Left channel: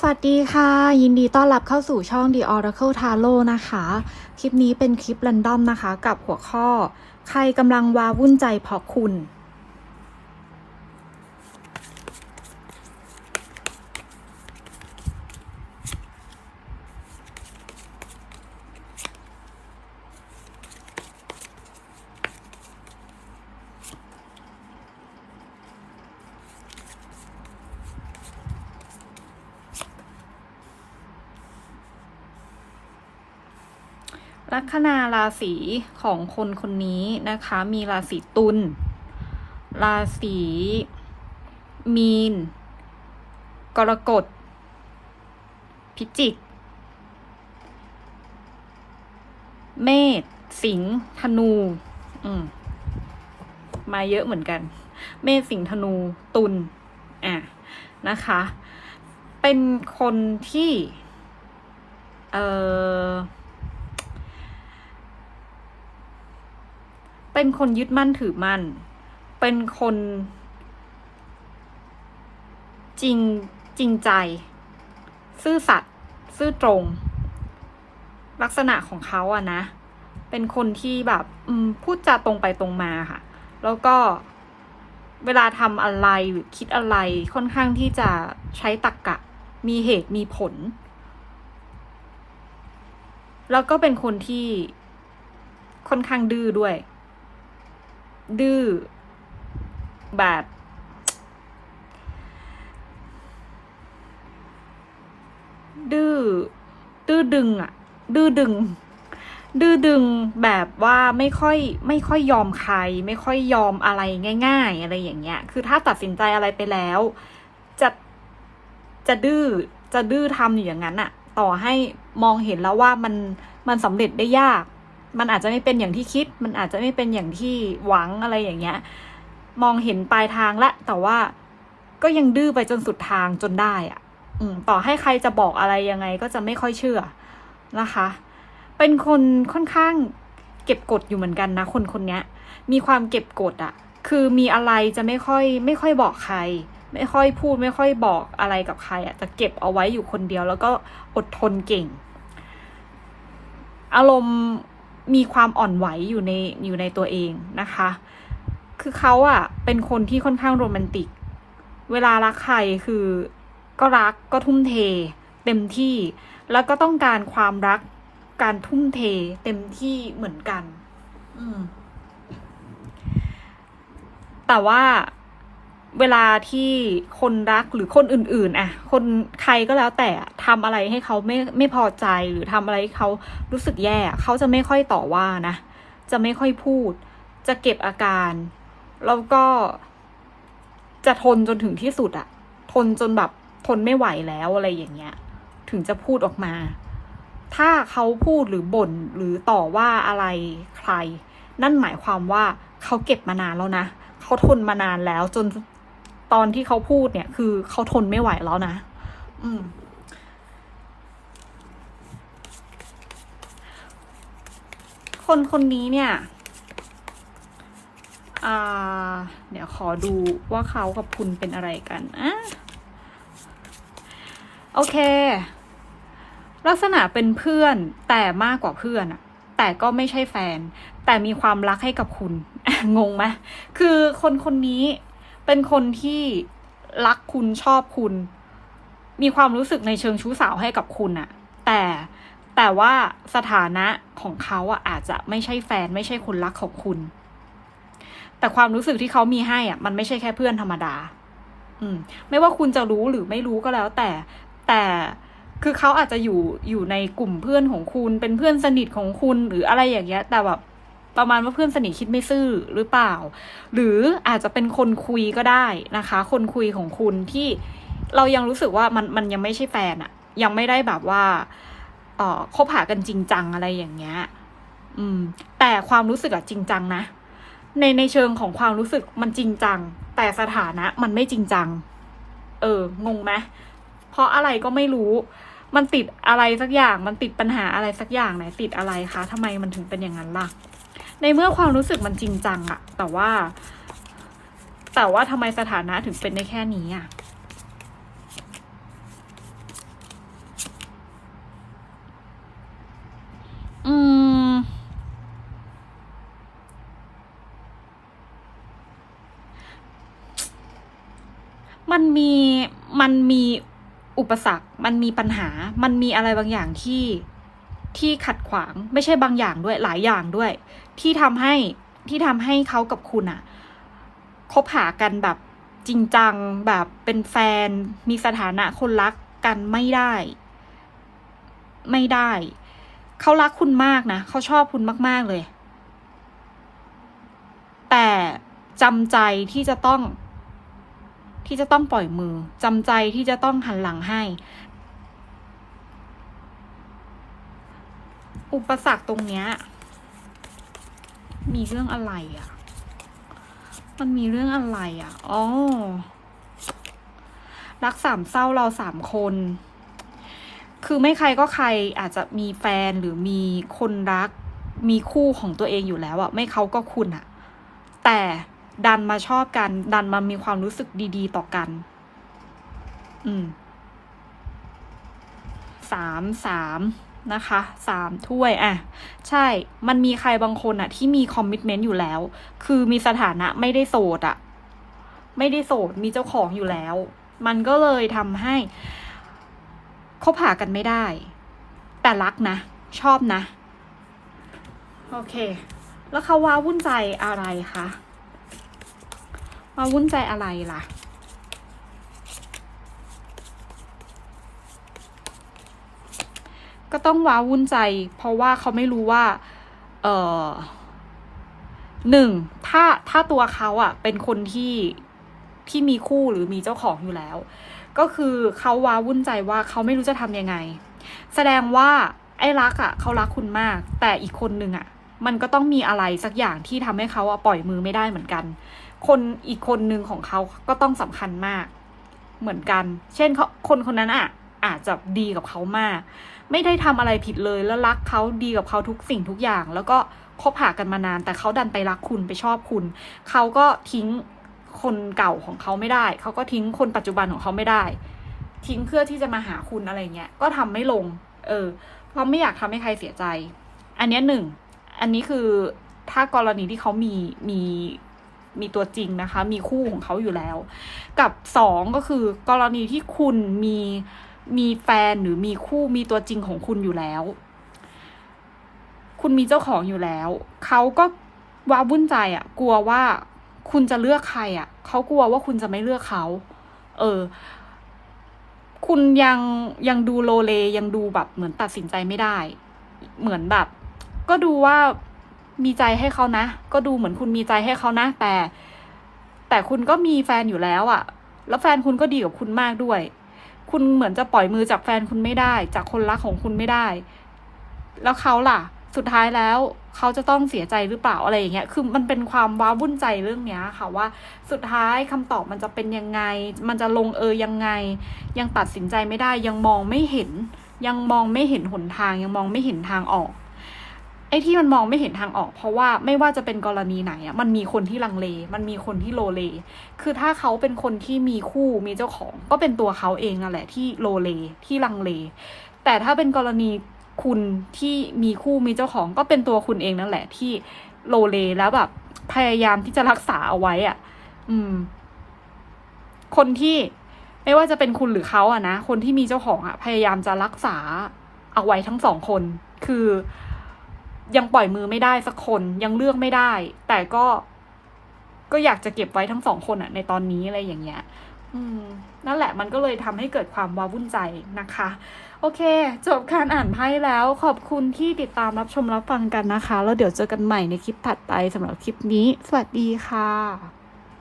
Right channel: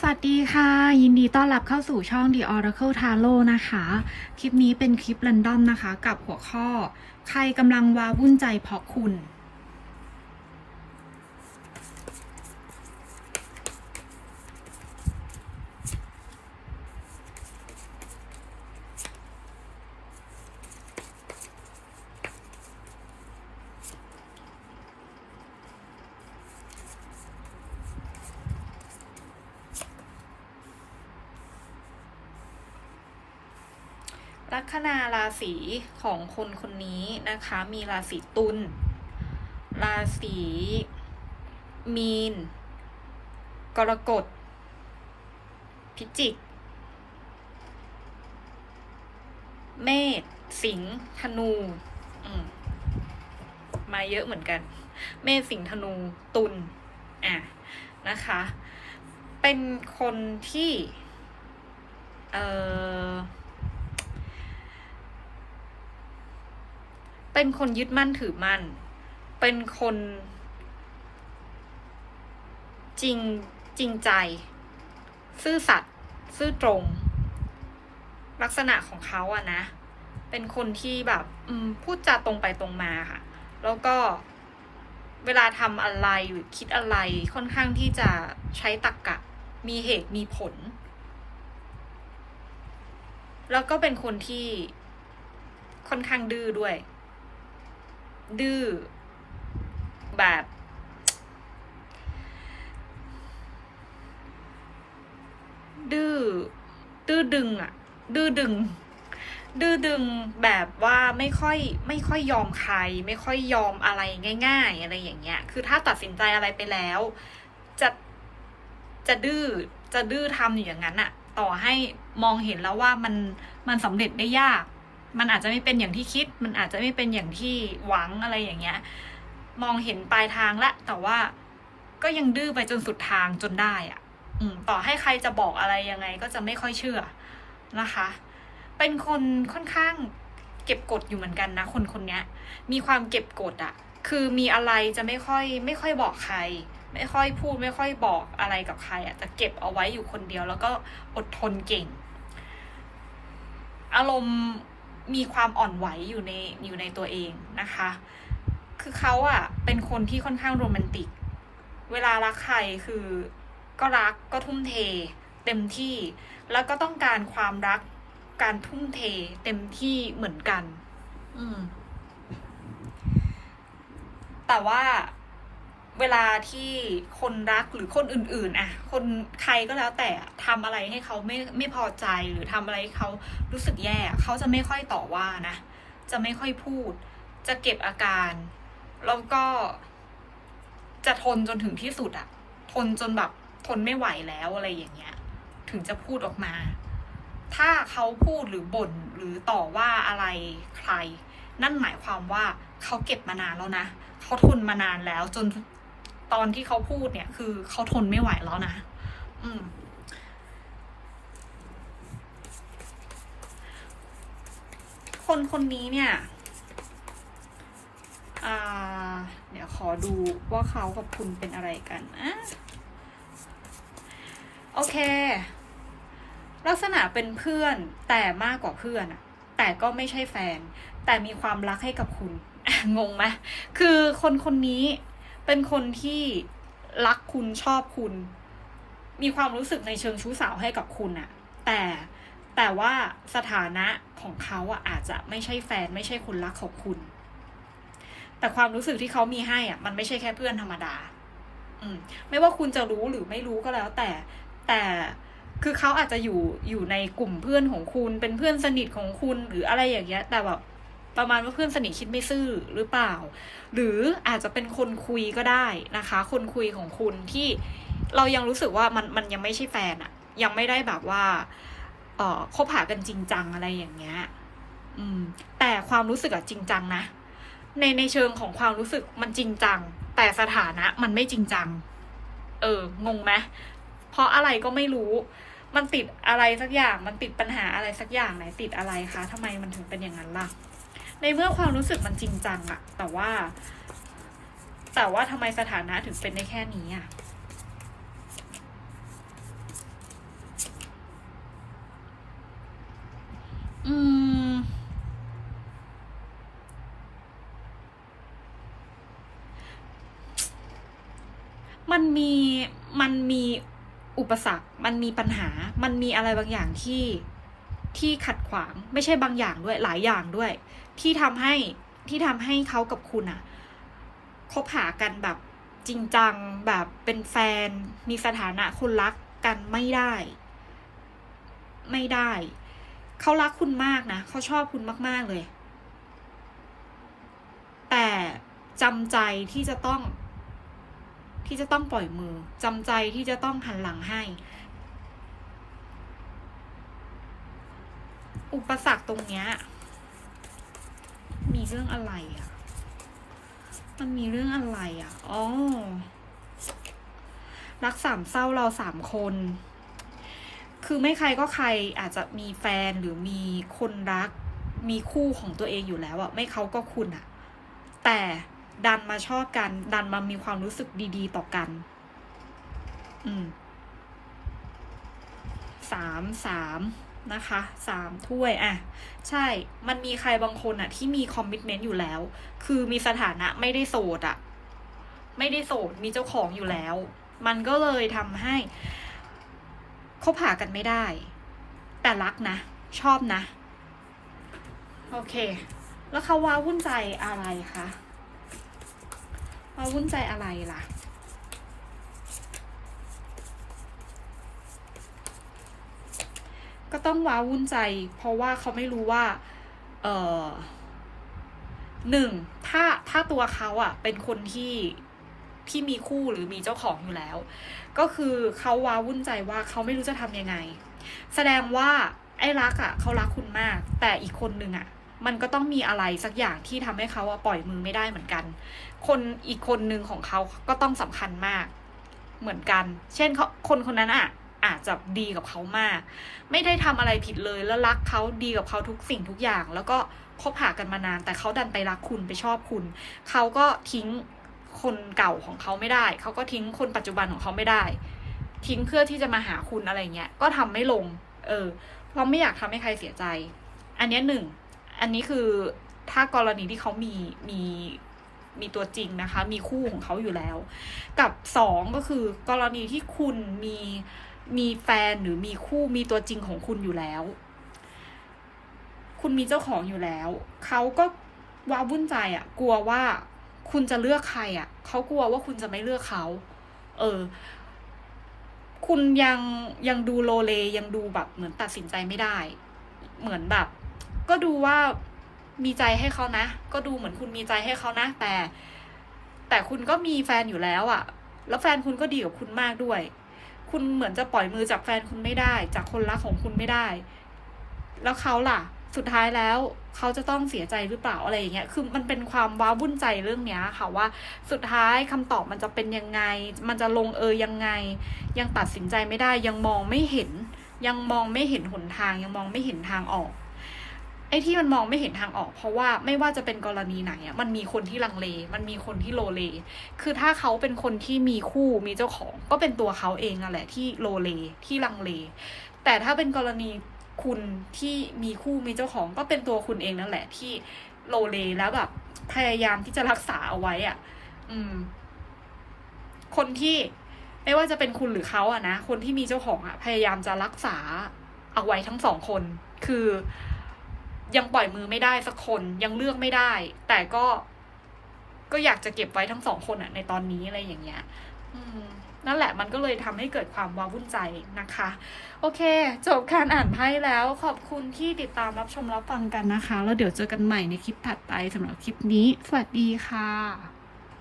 สวัสดีค่ะ ยินดีต้อนรับเข้าสู่ช่อง The Oracle Tarot นะคะ คลิปนี้เป็นคลิปรันดอมนะคะ กับหัวข้อ ใครกำลังวาวุ่นใจเพราะคุณ ลัคนาราศีของคนคนนี้นะคะ มีราศีตุล ราศีมีน กรกฎ พิจิก เมษ สิงห์ ธนู อืม มาเยอะเหมือนกัน เมษ สิงห์ ธนู ตุล อะ นะคะ เป็นคนที่ เอ่อ เป็นคนยึดมั่นถือมั่น เป็นคน จริงจริงใจ ซื่อสัตย์ซื่อตรง ลักษณะของเขาอะนะ เป็นคนที่แบบพูดจาตรงไปตรงมาค่ะ แล้วก็เวลาทำอะไรหรือคิดอะไรค่อนข้างที่จะใช้ตรรกกะ มีเหตุมีผล แล้วก็เป็นคนที่ค่อนข้างดื้อด้วย ดื้อแบบ ดื้อดื้อดึงอะดื้อดึง ดื้อดึงแบบว่าไม่ค่อยไม่ค่อยยอมใคร ไม่ค่อยยอมอะไรง่าย ๆ อะไรอย่างเงี้ย คือถ้าตัดสินใจอะไรไปแล้ว จะจะดื้อจะดื้อทำอยู่อย่างนั้นอะต่อให้มองเห็นแล้วว่ามันมันสำเร็จได้ยาก มันอาจจะไม่เป็นอย่างที่คิด มันอาจจะไม่เป็นอย่างที่หวังอะไรอย่างเงี้ย มองเห็นปลายทางละ แต่ว่าก็ยังดื้อไปจนสุดทางจนได้อะอืมต่อให้ใครจะบอกอะไรยังไงก็จะไม่ค่อยเชื่อนะคะ เป็นคนค่อนข้างเก็บกดอยู่เหมือนกันนะ คนคนนี้มีความเก็บกดอะคือมีอะไรจะไม่ค่อย ไม่ค่อยบอกใคร ไม่ค่อยพูดไม่ค่อยบอกอะไรกับใครอะจะเก็บเอาไว้อยู่คนเดียว แล้วก็อดทนเก่ง อารมณ์ มีความอ่อนไหวอยู่ในอยู่ในตัวเองนะคะ คือเขาอะเป็นคนที่ค่อนข้างโรแมนติก เวลารักใครคือก็รักก็ทุ่มเท เต็มที่ แล้วก็ต้องการความรักการทุ่มเท เต็มที่เหมือนกัน อืมแต่ว่า เวลาที่คนรักหรือคนอื่นๆอะคนใครก็แล้วแต่ทำอะไรให้เขาไม่ไม่พอใจหรือทำอะไรให้เขารู้สึกแย่เขาจะไม่ค่อยต่อว่านะ จะไม่ค่อยพูด จะเก็บอาการ แล้วก็จะทนจนถึงที่สุดอะทนจนแบบทนไม่ไหวแล้วอะไรอย่างเงี้ย ถึงจะพูดออกมา ถ้าเขาพูดหรือบ่นหรือต่อว่าอะไรใคร นั่นหมายความว่าเขาเก็บมานานแล้วนะเขาทนมานานแล้วจน ตอนที่เขาพูดเนี่ย คือเขาทนไม่ไหวแล้วนะ อืม คนคนนี้เนี่ย อ่า เดี๋ยวขอดูว่าเขากับคุณเป็นอะไรกันอะโอเค ลักษณะเป็นเพื่อนแต่มากกว่าเพื่อนอะแต่ก็ไม่ใช่แฟน แต่มีความรักให้กับคุณ งงไหมคือคนคนนี้ เป็นคนที่รักคุณชอบคุณ มีความรู้สึกในเชิงชู้สาวให้กับคุณอะแต่แต่ว่าสถานะของเขาอะอาจจะไม่ใช่แฟนไม่ใช่คนรักของคุณ แต่ความรู้สึกที่เขามีให้อะมันไม่ใช่แค่เพื่อนธรรมดา อืม ไม่ว่าคุณจะรู้หรือไม่รู้ก็แล้ว แต่แต่คือเขาอาจจะอยู่อยู่ในกลุ่มเพื่อนของคุณ เป็นเพื่อนสนิทของคุณหรืออะไรอย่างเงี้ย แต่แบบ ประมาณว่าเพื่อนสนิทคิดไม่ซื่อหรือเปล่า หรืออาจจะเป็นคนคุยก็ได้นะคะ คนคุยของคุณที่เรายังรู้สึกว่ามันมันยังไม่ใช่แฟนอะยังไม่ได้แบบว่าเออคบหากันจริงจังอะไรอย่างเงี้ยอืม แต่ความรู้สึกอะจริงจังนะ ในในเชิงของความรู้สึกมันจริงจัง แต่สถานะมันไม่จริงจัง เอองงไหมเพราะอะไรก็ไม่รู้ มันติดอะไรสักอย่าง มันติดปัญหาอะไรสักอย่างไหนติดอะไรคะทำไมมันถึงเป็นอย่างนั้นล่ะ ในเมื่อความรู้สึกมันจริงจังอะแต่ว่า แต่ว่าทำไมสถานะถึงเป็นได้แค่นี้อะอืม มันมีมันมีอุปสรรค มันมีปัญหา มันมีอะไรบางอย่างที่ที่ขัดขวาง ไม่ใช่บางอย่างด้วยหลายอย่างด้วย ที่ทำให้ที่ทำให้เขากับคุณอะคบหากันแบบจริงจังแบบเป็นแฟน มีสถานะคนรักกันไม่ได้ ไม่ได้ เขารักคุณมากนะเขาชอบคุณมาก ๆ เลย แต่จำใจที่จะต้อง ที่จะต้องปล่อยมือจำใจที่จะต้องหันหลังให้ อุปสรรคตรงเนี้ย มีเรื่องอะไรอะ่ะ มันมีเรื่องอะไรอะ่ะ อ๋อ รักสามเศร้าเราสามคน คือไม่ใครก็ใครอาจจะมีแฟนหรือมีคนรัก มีคู่ของตัวเองอยู่แล้วอะไม่เขาก็คุณอะแต่ดันมาชอบกัน ดันมามีความรู้สึกดี ๆ ต่อกัน อืมสามสาม นะคะสามถ้วยอะใช่มันมีใครบางคนอะที่มีคอมมิชเมนต์อยู่แล้ว คือมีสถานะไม่ได้โสดอะไม่ได้โสดมีเจ้าของอยู่แล้ว มันก็เลยทำให้คบหากันไม่ได้ แต่รักนะ ชอบนะ โอเค แล้วเขาว้าวุ่นใจอะไรคะว้าวุ่นใจอะไรล่ะ ก็ต้องว้าวุ่นใจ เพราะว่าเขาไม่รู้ว่า เออหนึ่งถ้าถ้าตัวเขาอะเป็นคนที่ที่มีคู่หรือมีเจ้าของอยู่แล้ว ก็คือเขาว้าวุ่นใจว่าเขาไม่รู้จะทำยังไง แสดงว่าไอ้รักอะเขารักคุณมาก แต่อีกคนนึงอะมันก็ต้องมีอะไรสักอย่างที่ทำให้เขาอะปล่อยมือไม่ได้เหมือนกัน คนอีกคนนึงของเขาก็ต้องสำคัญมาก เหมือนกัน เช่นเขาคนคนนั้นอะอาจจะดีกับเขามาก ไม่ได้ทำอะไรผิดเลยแล้วรักเขาดีกับเขาทุกสิ่งทุกอย่าง แล้วก็คบหากันมานาน แต่เขาดันไปรักคุณไปชอบคุณ เขาก็ทิ้งคนเก่าของเขาไม่ได้ เขาก็ทิ้งคนปัจจุบันของเขาไม่ได้ ทิ้งเพื่อที่จะมาหาคุณอะไรเงี้ยก็ทำไม่ลง เออ เพราะไม่อยากทำให้ใครเสียใจ อันนี้หนึ่งอันนี้คือถ้ากรณีที่เขามีมีมีตัวจริงนะคะ มีคู่ของเขาอยู่แล้ว กับสองก็คือกรณีที่คุณมี มีแฟนหรือมีคู่มีตัวจริงของคุณอยู่แล้ว คุณมีเจ้าของอยู่แล้ว เขาก็ว้าวุ่นใจอะ่ะ กลัวว่าคุณจะเลือกใครอะ่ะ เขากลัวว่าคุณจะไม่เลือกเขา เออ คุณยังยังดูโลเลยังดูแบบเหมือนตัดสินใจไม่ได้ เหมือนแบบ ก็ดูว่ามีใจให้เขานะ ก็ดูเหมือนคุณมีใจให้เขานะ แต่ แต่คุณก็มีแฟนอยู่แล้วอะ่ะ แล้วแฟนคุณก็ดีกับคุณมากด้วย คุณเหมือนจะปล่อยมือจากแฟนคุณไม่ได้ จากคนรักของคุณไม่ได้ แล้วเขาล่ะ สุดท้ายแล้วเขาจะต้องเสียใจหรือเปล่าอะไรอย่างเงี้ย คือมันเป็นความว้าวุ่นใจเรื่องเนี้ยค่ะว่าสุดท้ายคำตอบมันจะเป็นยังไง มันจะลงเอยยังไง ยังตัดสินใจไม่ได้ ยังมองไม่เห็น ยังมองไม่เห็นหนทาง ยังมองไม่เห็นทางออก ไอ้ที่มันมองไม่เห็นทางออก เพราะว่าไม่ว่าจะเป็นกรณีไหนอะมันมีคนที่ลังเล มันมีคนที่โลเล คือถ้าเขาเป็นคนที่มีคู่มีเจ้าของ ก็เป็นตัวเขาเองนั่นแหละที่โลเลที่ลังเล แต่ถ้าเป็นกรณีคุณที่มีคู่มีเจ้าของ ก็เป็นตัวคุณเองนั่นแหละที่โลเลแล้วแบบพยายามที่จะรักษาเอาไว้อะอืม คนที่ไม่ว่าจะเป็นคุณหรือเขาอะนะ คนที่มีเจ้าของอะพยายามจะรักษาเอาไว้ทั้งสองคน คือ ยังปล่อยมือไม่ได้สักคนยังเลือกไม่ได้ แต่ก็ก็อยากจะเก็บไว้ทั้งสองคนอะในตอนนี้อะไรอย่างเงี้ยนั่นแหละมันก็เลยทำให้เกิดความว้าวุ่นใจนะคะ โอเค จบการอ่านไพ่แล้วขอบคุณที่ติดตามรับชมรับฟังกันนะคะ แล้วเดี๋ยวเจอกันใหม่ในคลิปถัดไปสำหรับคลิปนี้ สวัสดีค่ะ